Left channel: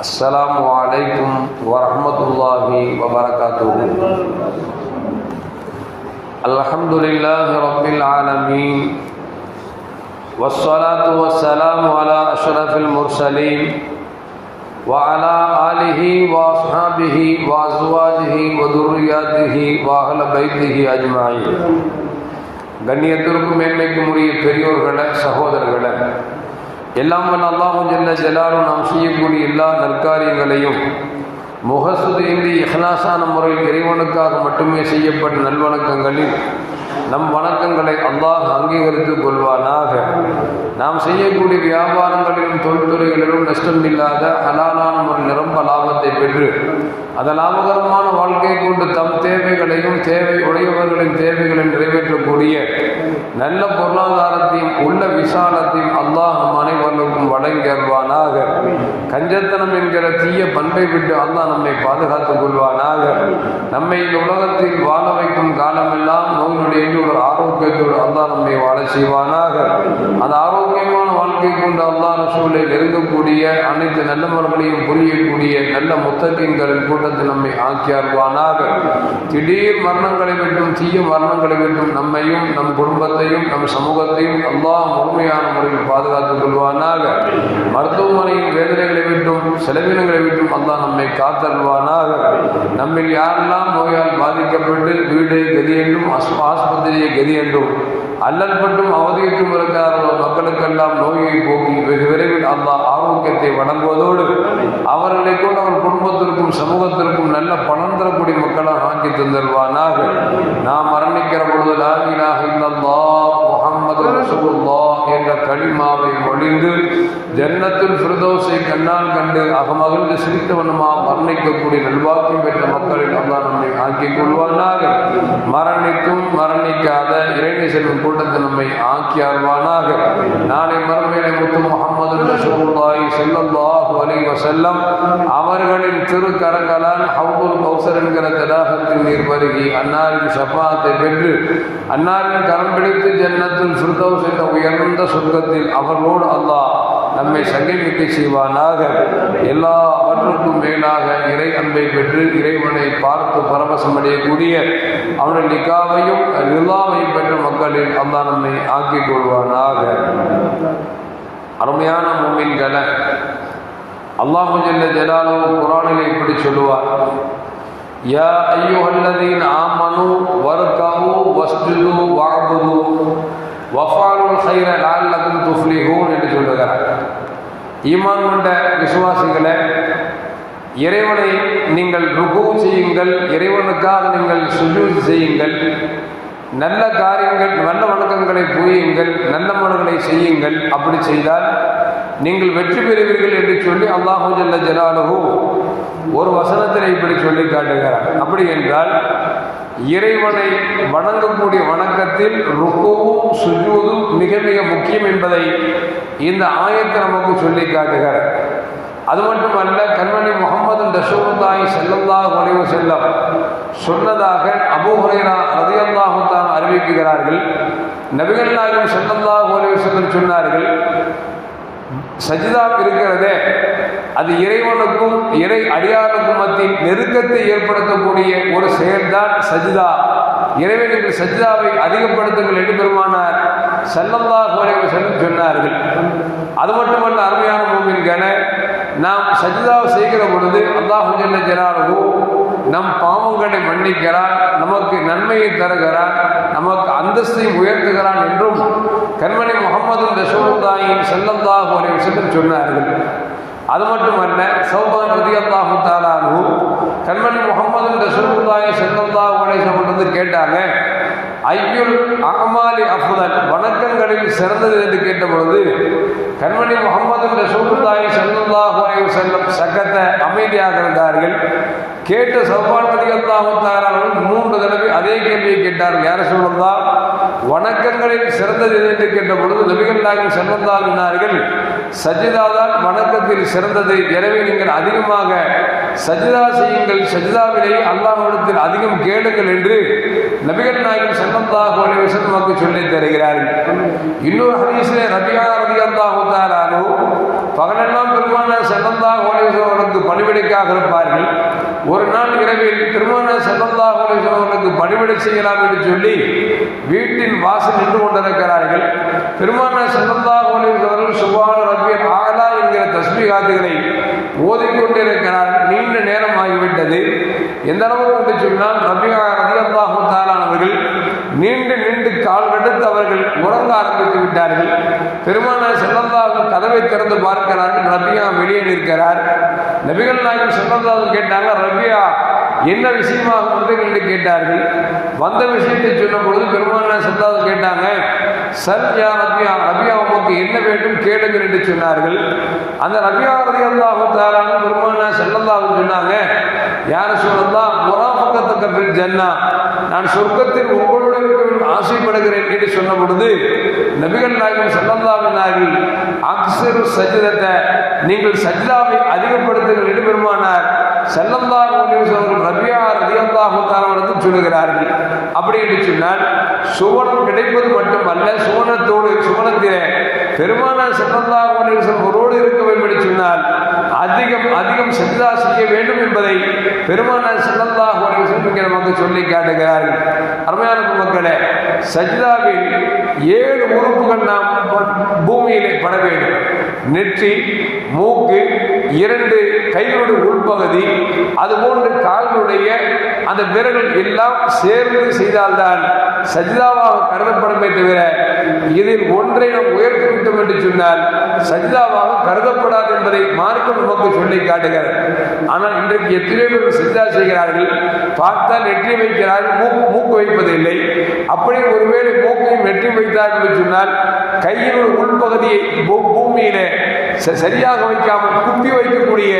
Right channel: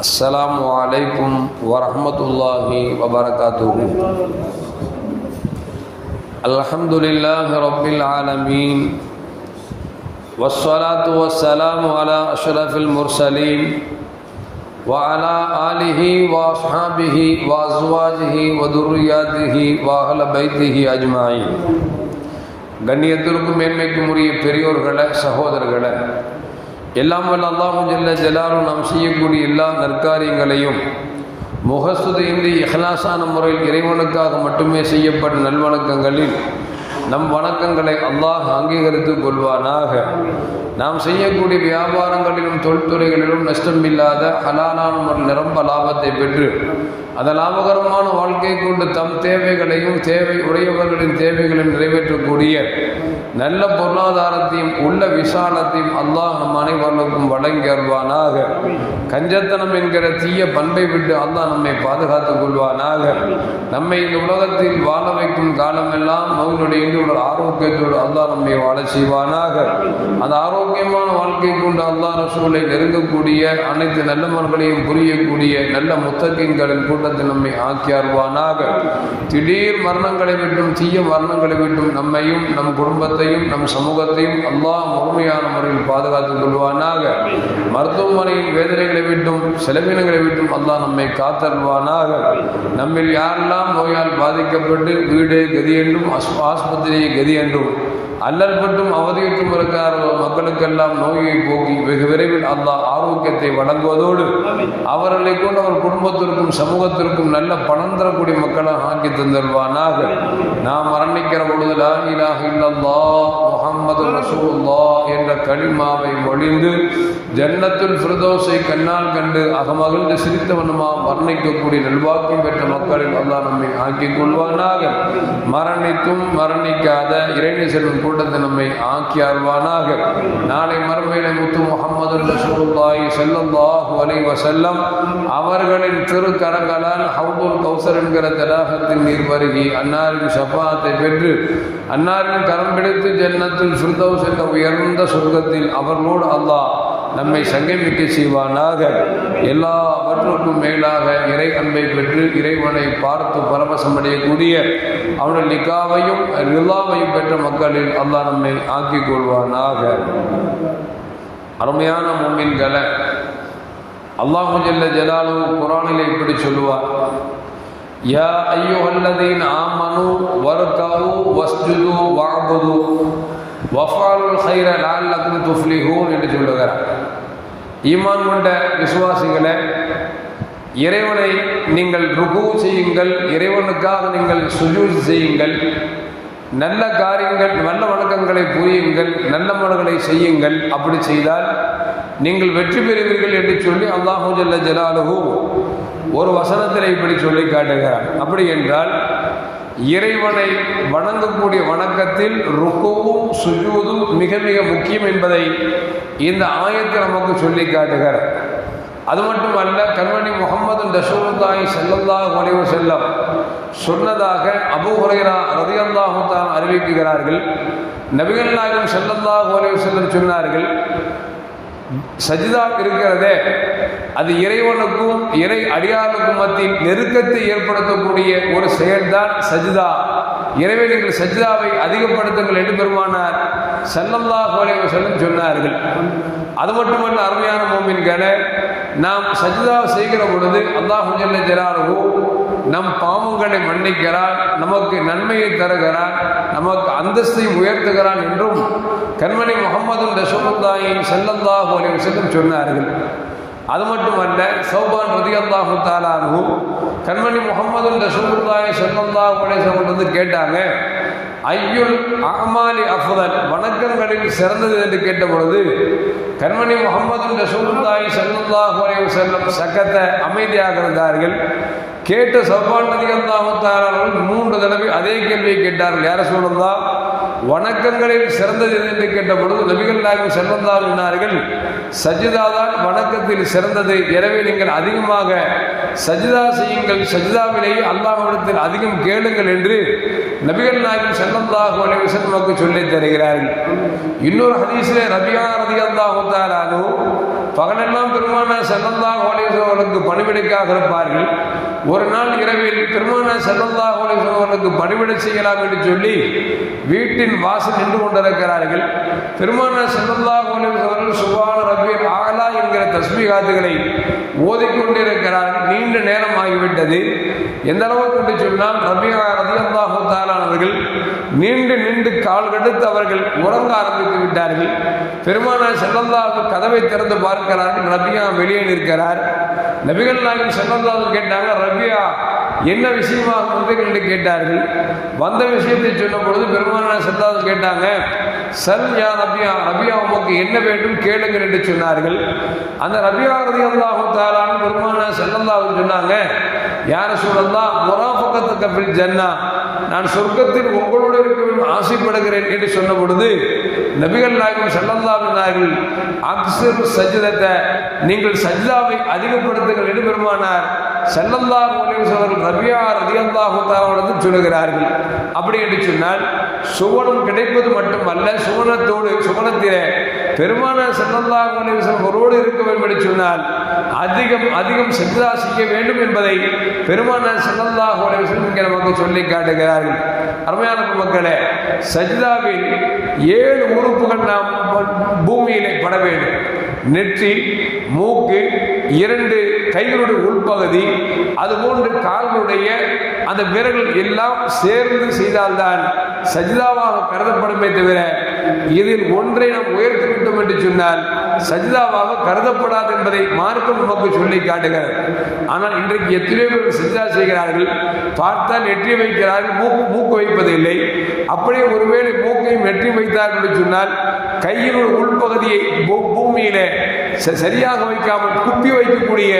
السلام عليكم ورحمة الله وبركاته الحمد لله رب العالمين والصلاة والسلام على أشرف المرسلين وعلى آله وأصحابه وأزواجه وذرياته وأهل بيته أجمعين கண்ணியத்திற்கும் மேன்மைக்கும் உரிய பெரியோர்களை சகோதரர்களை எல்லாம் வல்ல அல்லாஹும் ஜல்ல ஜலாலும் நாம் செய்யக்கூடிய எல்லா நற்காரியங்களையும் முகசுதையின்றி இஹ்லாசான முறையில் இறைவனுக்காக மட்டுமே செய்யப்பட்ட நல்வணக்கங்களில் நம் வணக்கங்களை அல்லாஹ் அங்கீகரித்துக் கொள்வானாக. நாம் செய்யக்கூடிய வியாபாரங்களிலும் தொழில்துறைகளிலும் நஷ்டம் இல்லாத ஹலாலான ஒரு நிரம்ப லாபத்தை பெற்று அந்த லாபகரமான வாழ்க்கை கொண்டு தம் தேவைகளையும் தேவை உடையவர்களின் தேவைகளை நிறைவேற்றக்கூடிய நல்ல பொருளாதாரத்தையும் உள்ள விசாலத்தையும் அல்லாஹ் அனைவர்களுக்கும் வழங்கி கஞ்சத்தனம் என்கிற தீய பண்பை விட்டு அல்லாஹ் நம்மை பாதுகாத்துக் கொள்வானாக. நம்மை இந்த உலகத்தில் வாழ வைக்கும் காலமெல்லாம் நோயினுடைய ஒரு ஆரோக்கியத்தோடு அல்லாஹ் நம்மை வாழ செய்வானாக. அந்த ஆரோக்கியமான வாழ்க்கை கொண்டு அல்லாஹ் சூழலில் நெருங்கக்கூடிய அனைத்து நல்லவர்களையும் புரியக்கூடிய நல்ல முத்தக்கின்களின் கூட்டத்தில் நம்மை ஆக்கி அருள்வானாக திடீர் மரணங்களை விட்டும் தீய மரணங்களை விட்டும் நம்மையும் நம் குடும்பத்தையும் நம் சமூகத்தையும் எல்லாம் முழுமையான முறையில் பாதுகாத்துக் கொள்வானாக. மருத்துவமனையின் வேதனைகளை விட்டும் செலவினங்களை விட்டும் அல்லாஹ் நம்மை காத்தருவானாக நம்மில் யாரெல்லாம் நோயால் பாதிக்கப்பட்டு வீடு கதி என்றும் ஆஸ்பத்திரியை கதி என்றும் அல்லற்பட்டும் அவதிக்கும் இருக்கிறார்களோ மக்களுக்கெல்லாம் நோயை போக்கி வெகு விரைவில் அல்லாஹ் ஆரோக்கியத்தை வழங்குவதோடு அவர்களை கூட அவர் குடும்பத்திற்கும் சமூகத்திற்கும் நல்ல பணம் தரக்கூடிய மக்களாக ஆக்கி தந்தருவானாக நாம் மரணிக்கிற பொழுது லா இலாஹ இல்லல்லாஹ் முஹம்மது ரசூலுல்லாஹ். என்ற களிமாவை மொழிந்து ஜன்னத்துல் ஃபிர்தோஸை கண்ணால் கண்டு அகமகிழ்ந்து சிரித்தவனுமா மரணிக்கக்கூடிய நல்வாக்கம் பெற்ற மக்களில் அல்லா நம்மை ஆக்கிக் கொள்வானாக. மரணித்தும் மரணிக்காத இறைமை செல்லும் கூட்டத்தை நம்மை ஆக்கி அருவானாக நாளை மறுமையில முத்து முகமது ரசூலுல்லாஹி ஸல்லல்லாஹு அலைஹி வஸல்லம் அவர்களின் திருக்கரங்களால் ஹவுதுல் கௌசர் என்கிற தடாகத்தின் நீர் பருகி அன்னாரின் ஷஃபாத்தை பெற்று அன்னாரின் கரம் பிடித்து ஜன்னத்தில் ஃபிர்தௌஸ் என்ற உயர்ந்த சொர்க்கத்தில் அவர்களோடு அல்லாஹ் நம்மை சங்கமிக்க செய்வானாக. எல்லாவற்றுக்கும் மேலாக இறை அன்பை பெற்று இறைவனை பார்த்து பரவசம் அடையக்கூடிய அவனுடைய லிகாவையும் ரிலாவையும் பெற்ற மக்களில் அல்லாஹ் நம்மை ஆக்கிக் கொள்வானாக. அருமையான மொமின்களை அல்லாஹு ஜல்ல ஜலாலு குரானில் இப்படி சொல்லுவார். யா ஐயோ அல்லதீன் ஆமனு வர்கவு வஸ்துது வாபுது செய்கிற ஹைர லஅல்லகும் என்று சொல்லுகிறார். ஈமான் கொண்ட விசுவாசிகளை இறைவனை நீங்கள் ருகு செய்யுங்கள் இறைவனுக்காக நீங்கள் சுஜூத் செய்யுங்கள் நல்ல காரியங்கள் நல்ல வணக்கங்களை புரியுங்கள் நல்ல மனங்களை செய்யுங்கள். அப்படி செய்தால் நீங்கள் வெற்றி பெறுவீர்கள் என்று சொல்லி அல்லாஹு ஜல்ல ஜலாலுஹு ஒரு வசனத்தில் இப்படி சொல்லி காட்டுகிறார். அப்படி என்றால் இறைவனை வணங்கக்கூடிய வணக்கத்தில் ருக்கோவும் சுஜூதும் மிக மிக முக்கியம் என்பதை இந்த ஆயத்தை நமக்கு சொல்லி காட்டுகிறார். அது மட்டுமல்ல கண்மணி முகமது ரசூலுல்லாஹி ஸல்லல்லாஹு அலைஹி செல்லம் சொன்னதாக அபூ ஹுரைரா ரலியல்லாஹு தஆலா அறிவிக்கிறார்கள். நபிகள் நாயகம் ஸல்லல்லாஹு அலைஹி செல்லம் சொன்னார்கள் சஜிதா இருக்கிறதே அது இறைவனுக்கும் இறை அடியாருக்கும் மத்தியில் நெருக்கத்தை ஏற்படுத்தக்கூடிய ஒரு செயல்தான் சஜிதா. இறைவனுக்கு சஜிதாவை அதிகப்படுத்துங்கள் என்று பெருமானார் செல்லல்லாஹு அலைஹி சொன்னார்கள். அது மட்டுமல்ல அருமையான மூமின்கள நாம் சஜிதா செய்கிற பொழுது அல்லாஹு ஜல்ல நம் பாவங்களை மன்னிக்கிறான் நமக்கு நன்மையை தருகிறான் நமக்கு அந்தஸ்தை உயர்த்துகிறான் என்றும் கண்மணி முகமது ரசூலுல்லாஹி ஸல்லல்லாஹு அலைஹி வஸல்லம் சொன்னார்கள். அது மட்டுமல்ல சௌபான் ரதியல்லாஹு தாலானு கண்மணி முகமது ரசூலுல்லாஹி ஸல்லல்லாஹு அலைஹி வந்து கேட்டாங்க ஐயுல் அமாலி அஃதல் வணக்கங்களில் சிறந்தது என்று கேட்ட பொழுது கண்மணி முகமது ரசூலுல்லாஹி ஸல்லல்லாஹு அலைஹி செல்லும் சக்கத்தை அமைதியாக இருந்தார்கள். கேட்டு சௌபான் ரதியல்லாஹு தாலானு மூன்று தடவை அதே கேள்வியை கேட்டார்கள். யார சொல்லலாம் வணக்கங்களில் சிறந்தது என்று கேட்ட பொழுது நபிகள் நாயகம் செல்லந்தான் சொன்னார்கள் சஜிதா தான் வணக்கத்தில் சிறந்தது. எனவே நீங்கள் அதிகமாக சஜிதா செய்யுங்கள். சஜிதாவிலேயே அல்லாஹிடத்தில் அதிகம் கேளுங்கள் என்று நபிகள் நாயகம் செல்லந்தாக நமக்கு சொல்லி தருகிறார்கள். இன்னொரு ஹதீஸிலே ரபியா ரதி அல்லாஹு தாலானு பகலெல்லாம் பெருமானார் செல்லந்தாக அவர்களுக்கு பணிவிடைக்காக இருப்பார்கள். ஒரு நாள் இரவில் திருமண செல்லல்லா அவர்களுக்கு பணிவிட செய்யலாம் என்று சொல்லி வீட்டின் வாசல் நின்று கொண்டிருக்கிறார்கள். பெருமான செல்லல்லா அவர்கள் சுபான ரபியர் ஆகலா என்கிற தஸ்மிகாத்துகளை ஓதிக்கொண்டிருக்கிறார். நீண்ட நேரம் ஆகிவிட்டது. எந்த அளவுக்கு என்று சொன்னால் ரபியா ரதியல்லாஹு தாலானவர்கள் நீண்டு நீண்டு கால் கடுத்து அவர்கள் உறங்க ஆரம்பித்து விட்டார்கள். பெருமான செல்லல்லாஹு கதவை திறந்து பார்க்கிறார்கள் ரபியா வெளியே நிற்கிறார். நபிகள் நாயகம் செல்லல்லாஹு கேட்டாங்க ரபியா என்ன விஷயமாக வந்தீர்கள் என்று கேட்டார்கள். வந்த விஷயத்தை சொன்ன பொழுது பெருமான செல்லாது கேட்டாங்க சல் யா ரபியா ரபியா உமக்கு என்ன வேண்டும் கேளுங்கள் என்று சொன்னார்கள். அந்த ரபியா ரதி அல்லாஹு தாலான்னு பெருமான செல்லல்லாஹு சொன்னாங்க யார் சொல்லலாம் முராபக்கத்துக்கு ஜன்னா நான் சொர்க்கத்தில் உங்களோடு இருக்க ஆசைப்படுகிறேன் என்று சொன்ன பொழுது நபிகள் நாயகம் செல்லல்லாவினார்கள் அக்சரு சஜிதத்தை நீங்கள் சஜிதாவை அதிகப்படுத்துங்கள் என்று பெருமானார் செல்லல்லா அவர்கள் ரபியா ரதியல்லாஹு தாலாவிடத்தில் சொல்லுகிறார்கள். அப்படி என்று சொன்னால் சுவனம் கிடைப்பது மட்டுமல்ல சுவனத்தோடு சுவனத்திலே பெருமானார் செல்லல்லா அலிவசம் ஒருவோடு இருக்க வேண்டும் என்று சொன்னால் அதிகம் அதிகம் சஜிதா செய்ய வேண்டும் என்பதை பெருமானார் செல்லல்லா அலிவசம் இங்கே நமக்கு சொல்லி காட்டுகிறார்கள். அருமையான மக்களே சஜிதாவில் ஏழு உறுப்புகள் நாம் பூமியிலே பட வேண்டும். நெற்றி மூக்கு இரண்டு கைகளுடைய உள்பகுதி அதுபோன்று கால்களுடைய அந்த விரல்கள் எல்லாம் சேர்ந்து செய்தால்தான் சஜிதாவாக கருதப்படுமே தவிர இதில் ஒன்றை நாம் உயர்த்தி விட்டோம் என்று சொன்னால் சஜிதாவாக கருதப்படாது என்பதை மார்க்கம் நமக்கு சொல்லி காட்டுகிறார் ஆனால் இன்றைக்கு எத்தனை பேர் சஜிதா செய்கிறார்கள் பார்த்தால் நெற்றி வைக்கிறார்கள் மூக்கு மூக்கு வைப்பதில்லை. அப்படியே ஒருவேளை மூக்கையும் நெற்றி வைத்தார்கள் என்று சொன்னால் கையினுடைய உள்பகுதியை பூமியிலே சரியாக வைக்காமல் குப்பி வைக்கக்கூடிய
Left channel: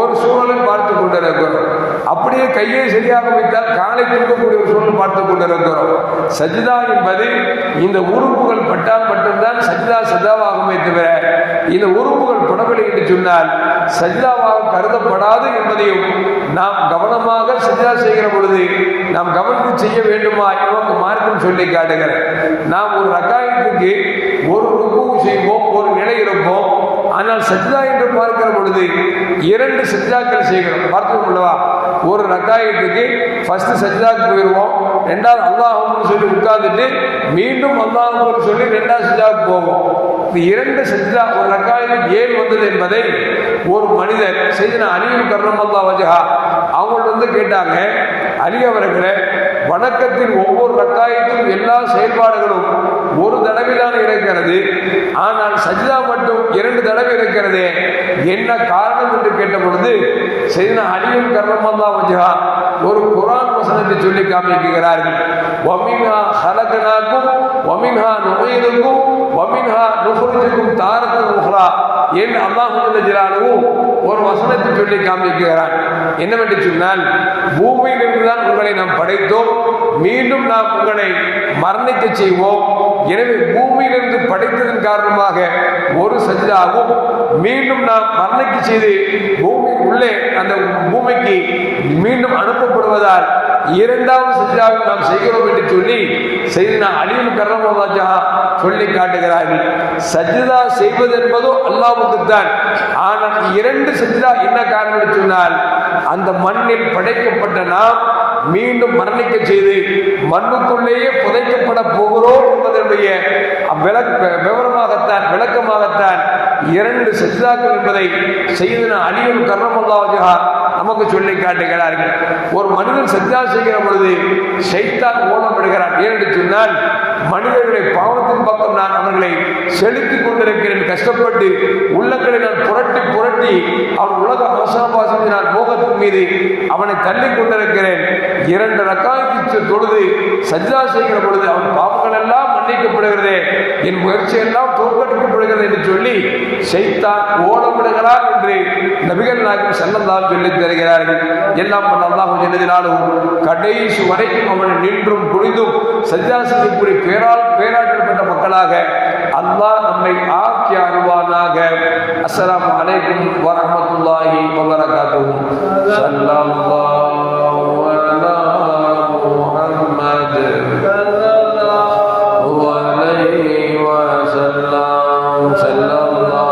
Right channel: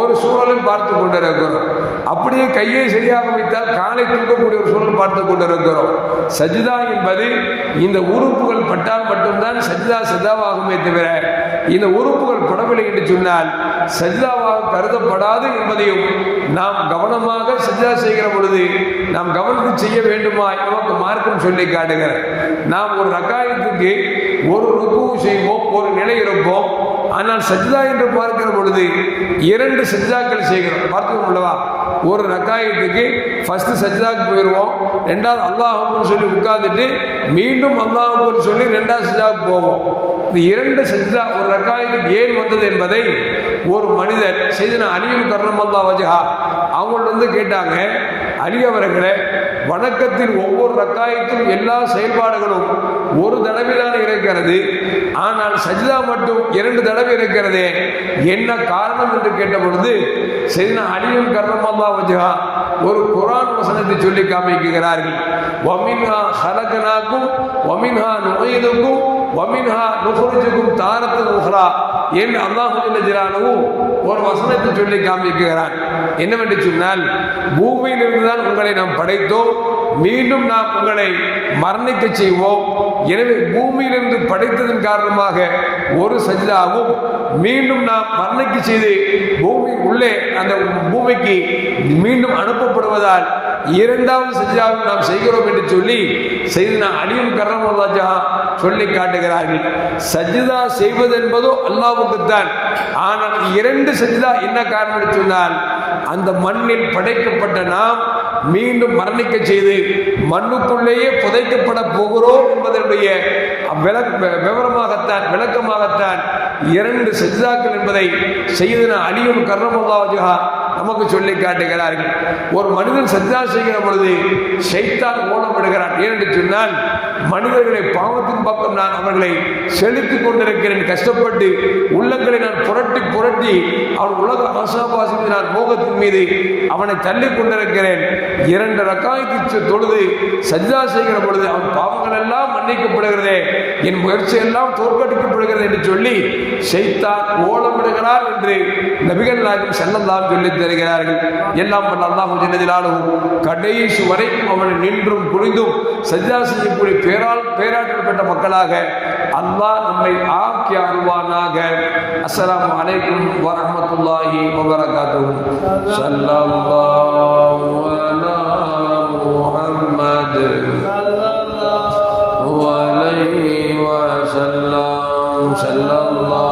ஒரு சூழலும் பார்த்து கொண்டிருக்கிறோம். அப்படியே கையை சரியாக வைத்தால் காலை கொடுக்கக்கூடிய ஒரு சூழல் பார்த்து கொண்டிருக்கிறோம். சஜிதா என்பது இந்த உறுப்புகள் பட்டால் மட்டும்தான் சஜிதா சதாவாகுமே தவிர இந்த உறுப்புகள் படவில்லை என்று சொன்னால் சஜிதாவாக கருதப்படாது என்பதையும் நாம் கவனமாக சஜிதா செய்கிற பொழுது நாம் கவனித்து செய்ய வேண்டுமா இவங்க மார்க்கம் சொல்லி காட்டுகிறேன் நாம் ஒரு ரகாயத்துக்கு ஒரு ருக்கு செய்வோம் சஜிதா என்று பார்க்கிற பொழுது இரண்டு சஜிதாக்கள் செய்கிறோம். பார்த்தோம் அல்லவா ஒரு ரக்காயத்துக்கு ஃபர்ஸ்ட் சஜிதாக்கு போயிடுவோம் ரெண்டாவது அல்லாஹ் சொல்லி உட்கார்ந்துட்டு மீண்டும் அல்லாஹ் சொல்லி ரெண்டாவது சஜிதாவுக்கு போவோம். இந்த இரண்டு சஜிதா ஒரு ரக்காயத்துக்கு ஏன் வந்தது என்பதை ஒரு மனிதர் செய்த அணியின் கர்ணமல்லா வஜகா அவங்கள்ட்ட வந்து கேட்டாங்க. அலி அவர்களை வணக்கத்தின் ஒவ்வொரு ரக்காயத்திலும் எல்லா செயல்பாடுகளும் ஒரு தடவைதான் இருக்கிறது. ஆனால் சஜிதா மட்டும் இரண்டு தடவை இருக்கிறது. என்ன காரணம் என்று கேட்ட பொழுது செய்த அடியும் கர்ணமல்லா வச்சுகா ஒரு குரான் வசனத்தை சொல்லி காமிக்கிறார்கள். ஒமின்ஹா ஹலகனாக்கும் ஒமின்ஹா நுழையதுக்கும் ஒமின்ஹா நுகுரிஜுக்கும் தாரத்தன் உஹ்ரா என்று அல்லாஹு ஜிலானவும் ஒரு வசனத்தை சொல்லி காமிக்கிறார். என்னவென்று சொன்னால் பூமியிலிருந்து தான் உங்களை நாம் படைத்தோம். மீண்டும் நாம் உங்களை மரணிக்க செய்வோம். எனவே பூமியிலிருந்து படைத்ததன் காரணமாக ஒரு சஜிதாவும் மீண்டும் நாம் மரணிக்கு செய்து பூமி உள்ளே அந்த பூமிக்கு மீண்டும் அனுப்பப்படுவதால் இரண்டாவது சஜிதாவை நாம் செய்கிறோம் என்று சொல்லி செய்து நான் அழியும் கரமராஜா சொல்லி காட்டுகிறார்கள். சஜிதா செய்வது என்பதோ அல்லாவுக்குத்தான் ஆனால் இரண்டு சஜிதா என்ன காரணம் சொன்னால் அந்த மண்ணில் படைக்கப்பட்ட நாம் மீண்டும் மரணிக்க செய்து மண்ணுக்குள்ளேயே புதைக்கப்பட போகிறோம் என்பதனுடைய விளக்க விவரமாகத்தான் விளக்கமாகத்தான் இரண்டு சித்தாக்கள் என்பதை செய்தன அணியும் கர்ணமுல்லாஜா நமக்கு சொல்லி காட்டுகிறார்கள் ஒரு மனிதன் சஜ்ஜா செய்கிற பொழுது சைத்தான் ஓடப்படுகிறான் ஏனென்று சொன்னால் மனிதர்களை பாவத்தை பக்கம் நான் அவர்களை செலுத்திக் கொண்டிருக்கிறேன். கஷ்டப்பட்டு உள்ளங்களை நான் புரட்டி புரட்டி அவன் உலக ஆசாபாசம் நான் மோகத்தின் மீது அவனை தள்ளி கொண்டிருக்கிறேன். இரண்டு ரக்காய்க்கு தொழுது சஜிதா செய்கிற பொழுது அவன் பாவங்கள் எல்லாம் மன்னிக்கப்படுகிறதே என் முயற்சி எல்லாம் தோற்கடிக்கப்படுகிறது என்று சொல்லி செய்தான் ஓடமிடுகிறார் என்று நபிகள் நாயகம் செல்லந்தால் சொல்லி தருகிறார்கள். எல்லாம் அல்லாஹ் ஜெல்லதிலாலும் கடைசி வரைக்கும் அவனை நின்றும் புரிந்தும் சஜ்ஜா பேரால் பேரால் பேராற்றப்பட்ட மக்களாக அல்லாஹ் நம்மை ஆக்கி அருவானாக அஸ்ஸலாமு அலைக்கும் வரஹ்மத்துல்லாஹி வபரகாத்துஹு ஸல்லல்லாஹு அலா முஹம்மத் وعليه وسلم صلى الله